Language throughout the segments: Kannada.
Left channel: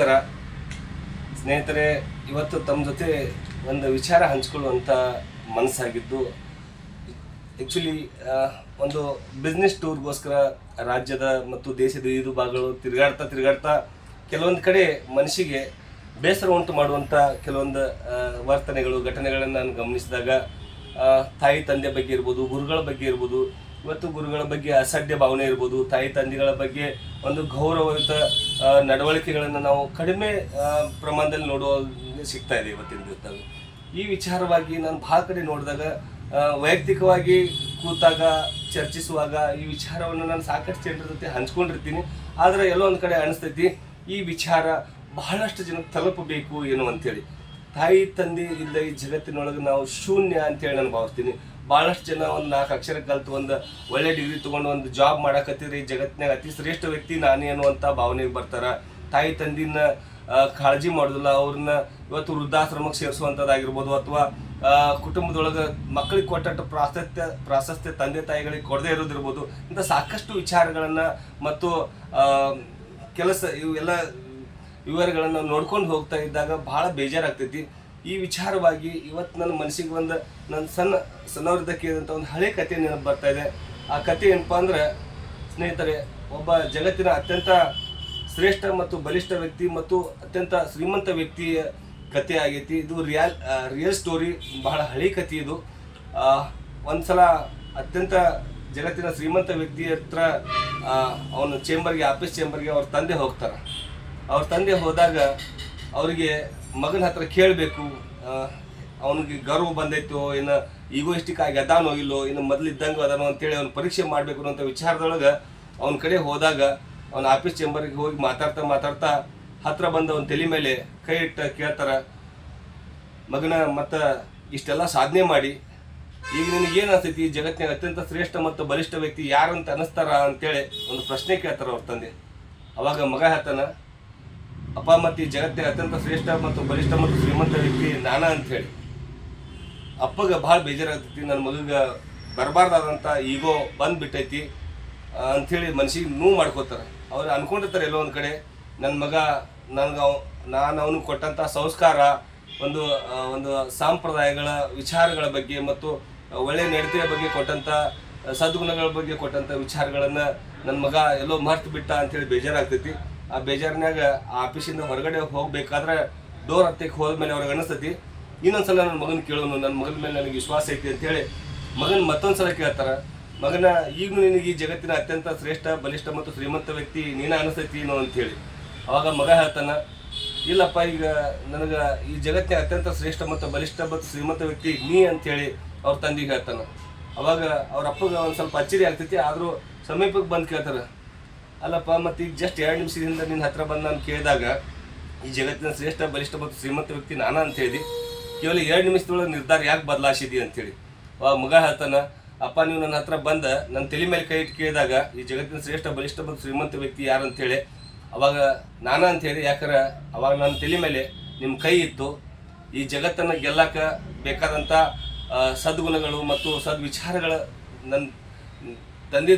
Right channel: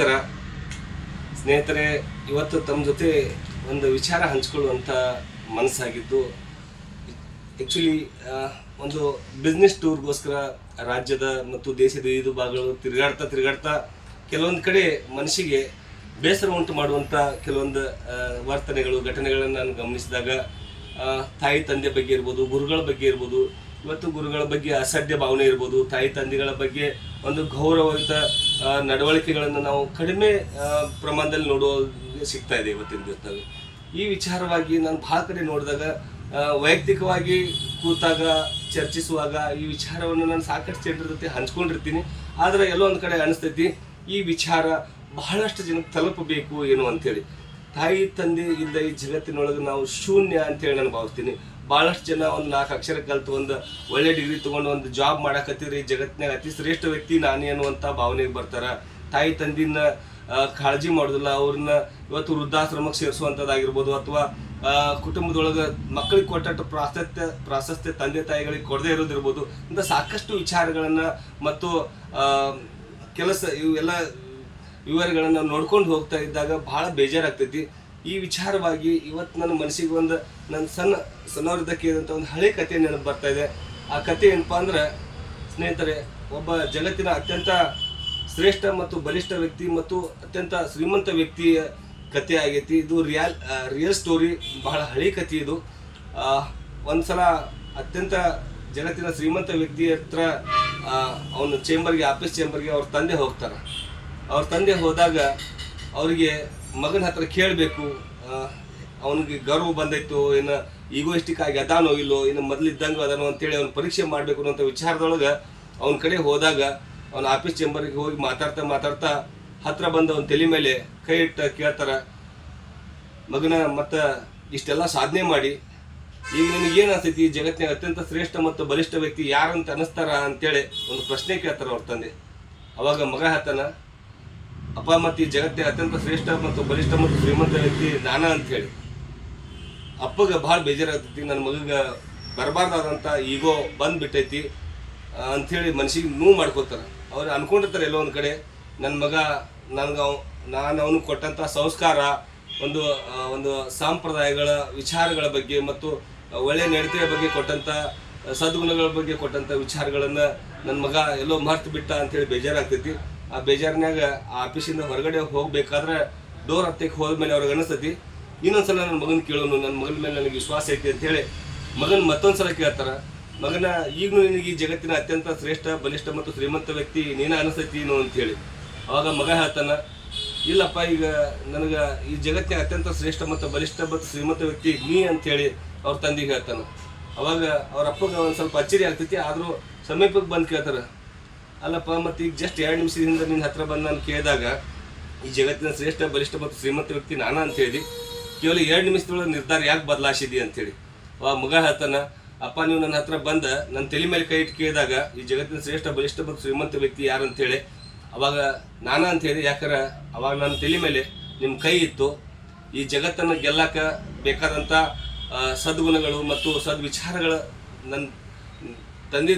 ನಮಸ್ಕಾರ ಸ್ನೇಹಿತರೆ. ಇವತ್ತು ತಮ್ಮ ಜೊತೆ ಒಂದು ವಿಚಾರ ಹಂಚಿಕೊಳ್ಳುವಂಥ ಮನಸ್ಸಾಗಿದ್ದು, ಆ್ಯಕ್ಚುಲಿ ಒಂದು ಬಿಸ್ನೆಸ್ ಟೂರ್ಗೋಸ್ಕರ ರಾಜ್ಯದ ಮತ್ತು ದೇಶದ ವಿವಿಧ ಭಾಗಗಳು ತಿರುಗಾಡ್ತಾ ಕೆಲವೊಂದು ಕಡೆ ಮನಸ್ಸಿಗೆ ಬೇಸರ ಉಂಟು ಮಾಡುವಂಥ ಕೆಲವೊಂದು ವರ್ತನೆಗಳು ಘಟನೆಗಳನ್ನು ನಾನು ಗಮನಿಸಿದಾಗ ತಾಯಿ ತಂದೆ ಬಗ್ಗೆ ಇರ್ಬೋದು, ಗುರುಗಳ ಬಗ್ಗೆ ಇರ್ಬೋದು, ಇವತ್ತು ಗುರುಗಳ ಬಗ್ಗೆ ಅಸಡ್ಡೆ ಭಾವನೆ ಇರ್ಬೋದು, ತಾಯಿ ತಂದೆಗಳ ಬಗ್ಗೆ ಒಂದು ಗೌರವಯುತ ನಡವಳಿಕೆಗಳನ್ನು ನಾವು ಕಡಿಮೆ ಪ್ರಮಾಣದಲ್ಲಿ ನೋಡುವ ಸಿಗ್ತಾ ಇದೆ ಇವತ್ತಿನ ದಿವಸದಲ್ಲಿ. ಈ ವಿಚಾರವಾಗಿ ನಾನು ಭಾಳ ಕಡೆ ನೋಡಿದಾಗ, ವೈಯಕ್ತಿಕವಾಗಿ ಕೂತಾಗ ಚರ್ಚಿಸುವಾಗ ಈ ವಿಚಾರವನ್ನು ನಾನು ಸಾಕಷ್ಟು ಜನರ ಜೊತೆ ಹಂಚ್ಕೊಂಡಿರ್ತೀನಿ. ಆದರೆ ಎಲ್ಲೋ ಒಂದು ಕಡೆ ಅನಿಸ್ತೈತಿ ಈ ವಿಚಾರ ಬಹಳಷ್ಟು ಜನಕ್ಕೆ ತಲುಪಬೇಕು ಏನು ಅಂಥೇಳಿ. ತಾಯಿ ತಂದೆ ಇಲ್ಲ ಈ ಜಗತ್ತಿನೊಳಗೆ ನಾವು ಶೂನ್ಯ ಅಂತೇಳಿ ನಾನು ಭಾವಿಸ್ತೀನಿ. ಭಾಳಷ್ಟು ಜನ ಒಂದು 4 ಅಕ್ಷರ ಕಲಿತು ಒಂದು ಒಳ್ಳೆ ಡಿಗ್ರಿ ತೊಗೊಂಡು ಒಂದು ಜಾಬ್ ಮಾಡಕತ್ತಿದ್ರೆ ಈ ಜಗತ್ತಿನಾಗ ಅತಿ ಶ್ರೇಷ್ಠ ವ್ಯಕ್ತಿ ನಾನೇ ಅನ್ನುವಂಥ ಭಾವನೆಗೆ ಬರ್ತಾರೆ. ತಾಯಿ ತಂದಿನ ಕಾಳಜಿ ಮಾಡೋದಿಲ್ಲ, ಅವ್ರನ್ನ ಇವತ್ತು ವೃದ್ಧಾಶ್ರಮಕ್ಕೆ ಸೇರಿಸುವಂಥದ್ದಾಗಿರ್ಬೋದು, ಅಥವಾ ಕುಟುಂಬದೊಳಗೆ ಮಕ್ಕಳಿಗೆ ಕೊಟ್ಟಟ್ಟು ಪ್ರಾಶಸ್ತ್ಯ ತಂದೆ ತಾಯಿಗಳಿಗೆ ಕೊಡದೇ ಇರೋದಿರ್ಬೋದು. ಇಂಥ ಸಾಕಷ್ಟು ವಿಚಾರಗಳನ್ನು ಮತ್ತು ಕೆಲಸ ಇವೆಲ್ಲ ವಿವರಗಳನ್ನು ನೋಡ್ಕೊಂಡು ಹೋಗ್ತಾ ಇದ್ದಾಗ ಭಾಳ ಬೇಜಾರಾಗ್ತೈತಿ. ಈ ವಿಚಾರವಾಗಿ ಇವತ್ತು ನನ್ನ ಮನಸ್ಸಿಗೆ ಒಂದು ನನ್ನ ಸಣ್ಣವ್ರದ್ದು ಕೇಳಿದಂಥ ಒಂದು ಹಳೆ ಕಥೆ ನೆನಪು ಬರ್ತಾ ಇದೆ. ಆ ಕಥೆ ಏನಪ್ಪ ಅಂದ್ರೆ, ಸ್ನೇಹಿತರೆ, ಒಬ್ಬ ಜಗತ್ತಿನ ಅತ್ಯಂತ ಶ್ರೇಷ್ಠ ಮತ್ತು ಬಲಿಷ್ಠ ವ್ಯಕ್ತಿ ಮತ್ತು ಅತ್ಯಂತ ಶ್ರೀಮಂತ ವ್ಯಕ್ತಿಯ ಕಥೆ ಆಗೈತಿ. ಇದು ರಿಯಲ್ ಸ್ಟೋರಿ, ಬಹಳ ಹಳೆ ಕಥೆ ಇದು. ಒಂದು ಸಲ ಅತ್ಯಂತ ಜಗತ್ತಿನ ಶ್ರೀಮಂತ ವ್ಯಕ್ತಿ ಹತ್ರ ಅವನ ಆಫೀಸ್ ಚೇಂಬರ್ಗೆ ಅವ್ರ ತಂದೆ ಹೋಗ್ತಾರೆ. ಅವ್ರ ತಂದೆ ಹೋದಾಗ ಅವರಿಗೆ ಮಗನ ಹತ್ರ ಕೇಳಬೇಕು, ಅವನಿಗೆ ಗರ್ವ ಬಂದೈತೋ, ಏನು ಈಗೋಯಿಸ್ಟಿಕ್ ಆಗಿ ಅದಾನೋ ಇಲ್ಲೋ, ಇನ್ನು ಮೊದಲಿದ್ದಂಗೆ ಅದಾನೋ ಅಂತೇಳಿ ಅವ್ನು ಪರೀಕ್ಷೆ ಮಾಡಬೇಕು ಅನ್ನೋಂಥ ವಿಚಾರದೊಳಗೆ ಅವನ ಕಡೆ ಹೋದಾಗ ಅವನ ಆಫೀಸ್ ಚೇಂಬರ್ಗೆ ಹೋಗಿ ಮಾತಾಡ್ತಾ ಹತ್ರ ಬಂದು ಅವನ ತಲೆ ಮೇಲೆ ಕೈ ಇಟ್ಟು ಕೇಳ್ತಾರೆ, ಮಗನ ಮತ್ತು ಇಷ್ಟೆಲ್ಲ ಸಾಧನೆ ಮಾಡಿ ಈಗ ನಿನಗೇನು ಅನಿಸ್ತೈತಿ, ಜಗತ್ತಿನ ಅತ್ಯಂತ ಶ್ರೇಷ್ಠ ಮತ್ತು ಬಲಿಷ್ಠ ವ್ಯಕ್ತಿ ಯಾರಂತ ಅನ್ನಿಸ್ತಾರ ಅಂತೇಳಿ ಒಂದು ಪ್ರಶ್ನೆ ಕೇಳ್ತಾರೆ ಅವ್ರ ತಂದೆ. ಅವಾಗ ಮಗ ಹೇಳ್ತಾನ, ಅಪ್ಪ ಮತ್ತು ಈ ಜಗತ್ತಿನ ಅತ್ಯಂತ ಶ್ರೇಷ್ಠ ಮತ್ತು ಬಲಿಷ್ಠ ಮತ್ತು ಶ್ರೀಮಂತ ವ್ಯಕ್ತಿ ನಾನ ಅಂಥೇಳಿ. ಅಪ್ಪಗೆ ಭಾಳ ಬೇಜಾರಾಗ್ತೈತಿ, ನನ್ನ ಮಗಗೆ ಬರಬಾರ್ದಾದಂಥ ಈಗೋ ಬಂದುಬಿಟ್ಟೈತಿ ಅಂಥೇಳಿ ಮನಸ್ಸಿಗೆ ನೋವು ಮಾಡ್ಕೋತಾರೆ. ಅವ್ರು ಅನ್ಕೊಂಡಿರ್ತಾರೆ ಎಲ್ಲೋ ಒಂದು ಕಡೆ, ನನ್ನ ಮಗ ನಾನು ಅವನಿಗೆ ಕೊಟ್ಟಂಥ ಸಂಸ್ಕಾರ, ಒಂದು ಸಾಂಪ್ರದಾಯಗಳ ವಿಚಾರಗಳ ಬಗ್ಗೆ ಮತ್ತು ಒಳ್ಳೆಯ ನಡತೆಯ ಬಗ್ಗೆ ಕೊಟ್ಟಂಥ ಸದ್ಗುಣಗಳ ಬಗ್ಗೆ ಕೊಟ್ಟಂಥ ವಿಚಾರಗಳನ್ನು ನನ್ನ ಮಗ ಎಲ್ಲೋ ಮರ್ತು ಬಿಟ್ಟ ಅಂಥೇಳಿ ಬೇಜಾರಾಗ್ತೈತಿ. ಆ ಬೇಜಾರಿನಾಗ ಆ ಆಫೀಸಿಂದ ಹೊರಗಡೆ ಹೋಗ್ಬೇಕಾದ್ರೆ ಡೋರ್ ಹತ್ತಿಗೆ ಹೋದ್ಮೇಲೆ ಅವ್ರಿಗೆ ಅನಿಸ್ತೈತಿ, ಇನ್ನೊಂದ್ಸಲ ನನ್ನ ಮಗನ ಕೇಳೋನು, ನನ್ನ ಮಗನ ಮೇಲೆ ನನಗೆ ವಿಶ್ವಾಸ ಐತಿ ಅಂತೇಳಿ ಮಗನ ಮತ್ತೊಂದು ಸಲ ಕೇಳ್ತಾರೆ, ಮಗನ ಈಗಲೂ ನಿನಗೆ ಈ ಜಗತ್ತಿನ ಅತ್ಯಂತ ಶ್ರೇಷ್ಠ ಬಲಿಷ್ಠ ಮತ್ತು ಶ್ರೀಮಂತ ವ್ಯಕ್ತಿ ನೀನು ಅನಿಸ್ತೈತಿ ಏನೋ ಅಂತೇಳಿ. ಅವಾಗ ಮಗ ಹೇಳ್ತಾನೆ, ಇಲ್ಲಪ್ಪ, ಈಗ ನನಗೆ ಈ ಜಗತ್ತಿನ ಅತ್ಯಂತ ಶ್ರೇಷ್ಠ ಮತ್ತು ಬಲಿಷ್ಠ ಮತ್ತು ಶ್ರೀಮಂತ ವ್ಯಕ್ತಿ ನೀ ಅಂಥೇಳಿ ಅವ್ರ ತಂದೆಗೆ ಹೇಳ್ತಾನೆ. ಅವಾಗ ಅವ್ರ ಅಪ್ಪಗೆ ಒಂದು ಸ್ವಲ್ಪ ಅಚ್ಚರಿ ಆಗ್ತೈತಿ. ಆದರೂ ಸಮೀಪಕ್ಕೆ ಬಂದು ಕೇಳ್ತಾರೆ, ಅಲ್ಲಪ್ಪ, ಮತ್ತು ಈಗ ಜಸ್ಟ್ 2 ನಿಮಿಷದಿಂದ ನಿನ್ನ ಹತ್ರ ಬಂದು ನಾನು ಕೇಳಿದಾಗ ಈ ಜಗತ್ತಿನ ಶ್ರೇಷ್ಠ ಬಲಿಷ್ಠ ಮತ್ತು ಶ್ರೀಮಂತ ವ್ಯಕ್ತಿ ನಾನ ಅಂತ ಹೇಳಿ ಕೇವಲ 2 ನಿಮಿಷದೊಳಗೆ ನಿರ್ಧಾರ ಯಾಕೆ ಬದಲಾಯಿಸಿದಿ ಅಂತೇಳಿ. ಅವಾಗ ಮಗ ಹೇಳ್ತಾನೆ, ಅಪ್ಪ, ನೀವು ನನ್ನ ಹತ್ರ ಬಂದು ನನ್ನ ತಲೆ ಮೇಲೆ ಕೈ ಇಟ್ಟು ಕೇಳಿದಾಗ ಈ ಜಗತ್ತಿನ ಶ್ರೇಷ್ಠ ಬಲಿಷ್ಠ ಮತ್ತು ಶ್ರೀಮಂತ ವ್ಯಕ್ತಿ ಯಾರು ಅಂತೇಳಿ, ಅವಾಗ ನಾನ ಅಂಥೇಳಿ. ಯಾಕಂದ್ರೆ ಅವಾಗ ನನ್ನ ತಲೆ ಮೇಲೆ ನಿಮ್ಮ ಕೈ ಇತ್ತು, ಈ ಜಗತ್ತನ್ನು ಗೆಲ್ಲಕ್ಕ ಬೇಕಾದಂಥ ಸದ್ಗುಣಗಳು ಮತ್ತು ಸದ್ವಿಚಾರಗಳ ನನ್ನ ತಂದೆ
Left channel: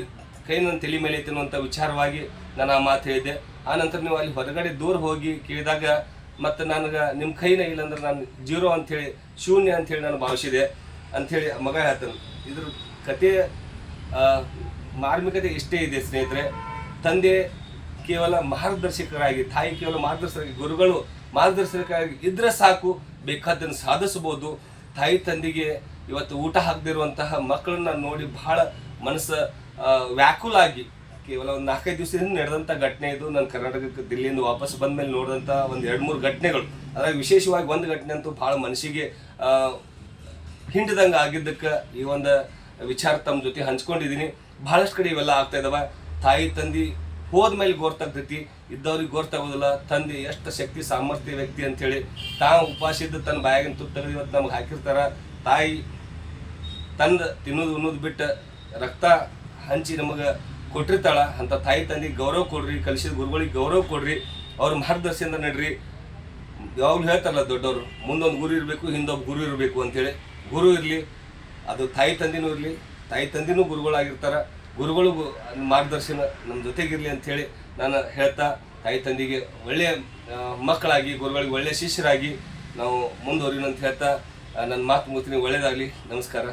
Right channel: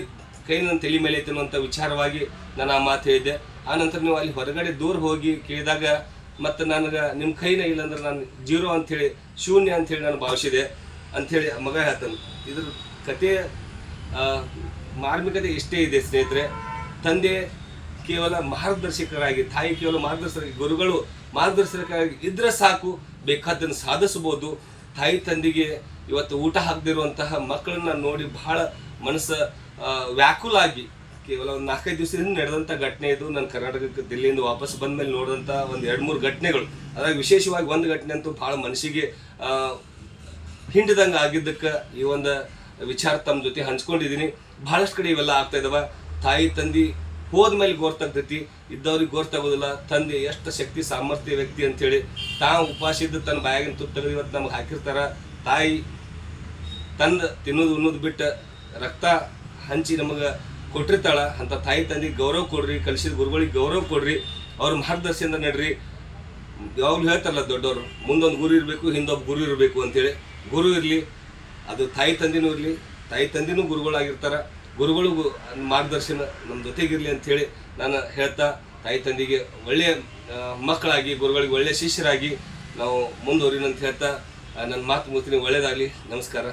ಕೈ ನನ್ನ ತಲೆ ಮೇಲೆ ಐತೆ ಅನ್ನುವಂಥ ವಿಚಾರವಾಗಿ ನಾನು ಆ ಮಾತು ಹೇಳಿದ್ದೆ. ಆನಂತರ ನೀವು ಅಲ್ಲಿ ಹೊರಗಡೆ ದೂರ ಹೋಗಿ ಕೇಳಿದಾಗ ಮತ್ತು ನನಗೆ ನಿಮ್ಮ ಕೈನ ಇಲ್ಲಾಂದ್ರೆ ನಾನು ಜೀರೋ ಅಂಥೇಳಿ, ಶೂನ್ಯ ಅಂಥೇಳಿ ನಾನು ಭಾವಿಸಿದೆ ಅಂಥೇಳಿ ಮಗ ಹೇಳ್ತಾನೆ. ಇದ್ರ ಕಥೆಯ ಮಾರ್ಮಿಕತೆ ಇಷ್ಟೇ ಇದೆ ಸ್ನೇಹಿತರೆ. ತಂದೆ ಕೇವಲ ಮಾರ್ಗದರ್ಶಕರಾಗಿ, ತಾಯಿ ಕೇವಲ ಮಾರ್ಗದರ್ಶಕರಾಗಿ, ಗುರುಗಳು ಮಾರ್ಗದರ್ಶಕರಾಗಿ ಇದ್ರೆ ಸಾಕು, ಬೇಕಾದ್ದನ್ನು ಸಾಧಿಸ್ಬೋದು. ತಾಯಿ ತಂದೆಗೆ ಇವತ್ತು ಊಟ ಹಾಕದಿರುವಂತಹ ಮಕ್ಕಳನ್ನ ನೋಡಿ ಬಹಳ ಮನಸ್ಸು ವ್ಯಾಕುಲ ಆಗಿ, ಕೇವಲ ಒಂದು 4-5 ದಿವಸದಿಂದ ನಡೆದಂಥ ಘಟನೆ ಇದು. ನಾನು ಕರ್ನಾಟಕಕ್ಕೆ ದಿಲ್ಲಿಯಿಂದ ವಾಪಸ್ ಬಂದ ಮೇಲೆ ನೋಡಿದಂಥ ಒಂದು 2-3 ಘಟನೆಗಳು. ಅದ್ರಾಗ ವಿಶೇಷವಾಗಿ ಒಂದು ಘಟನೆ ಅಂತೂ ಭಾಳ ಮನಸ್ಸಿಗೆ ಹಿಂಡಿದಂಗೆ ಆಗಿದ್ದಕ್ಕೆ ಈ ಒಂದು ವಿಚಾರ ತಮ್ಮ ಜೊತೆ ಹಂಚ್ಕೊಂಡಿದ್ದೀನಿ. ಭಾಳಷ್ಟು ಕಡೆ ಇವೆಲ್ಲ ಆಗ್ತಾ ಇದ್ದಾವೆ. ತಾಯಿ ತಂದೆ ಹೋದ್ಮೇಲೆ ಗೊತ್ತಾಗ್ತೈತಿ, ಇದ್ದವ್ರಿಗೆ ಗೊತ್ತಾಗೋದಿಲ್ಲ ತಂದೆ ಎಷ್ಟು ಶಕ್ತಿ ಸಾಮರ್ಥ್ಯ ವ್ಯಕ್ತಿ ಅಂಥೇಳಿ. ತಾವು ಉಪವಾಸಿದ್ದು ತನ್ನ ಬಾಯಾಗಿನ ತುತ್ತ ಇವತ್ತು ನಮ್ಗೆ ಹಾಕಿರ್ತಾರೆ. ತಾಯಿ ತಿನ್ನೋದು ಬಿಟ್ಟು ರಕ್ತ ಹಂಚಿ ನಮಗೆ ಕೊಟ್ಟಿರ್ತಾಳ. ಅಂಥ ತಾಯಿ ತಂದೆಗೆ ಗೌರವ ಕೊಡ್ರಿ, ಕಲಿಸಿದ ಗುರುಗಳಿಗೆ ಗೌರವ ಕೊಡ್ರಿ, ಅವ್ರ ಮಾರ್ಗದರ್ಶನದಿಂದ ನಡ್ರಿ. ಯಾವಾಗಲೂ ಹೇಳ್ತಾರಲ್ಲ ದೊಡ್ಡವರು, ಮುಂದೊಂದು ಗುರು ಇರಬೇಕು, ಹಿಂದೊಬ್ಬ ಗುರು ಇರಬೇಕು ಅಂತೇಳಿ. ಗುರು ಇರಲಿ, ಅದು ತಾಯಿ ತಂದೆನೂ ಇರಲಿ, ತಾಯಿ ತಂದೆನೂ ಗುರುಗಳಾಗಿರ್ತಾರೆ. ಗುರುಗಳಿಗೂ ಮಾರ್ಗದರ್ಶನ ನಮ್ಮ ಜೊತೆಗಿರಲಿ ಅಂಥೇಳಿ ನಾನು ಹೇಳ್ತಾ ತಾಯಿ ತಂದೆಗೆ ಒಳ್ಳೆಯ ಮಕ್ಕಳಾಗಿ, ಗುರುಗಳಿಗೆ ಒಳ್ಳೆಯ ಶಿಷ್ಯರಾಗಿ ನಾವು ಮುಂದುವರಿಯೋಣ ಅಂತ ಹೇಳ್ತಾ ನನ್ನ ಮಾತು ಮುಗಿಸ್ತೀನಿ. ಒಳ್ಳೆಯದಾಗಲಿ. ನಮಸ್ಕಾರ.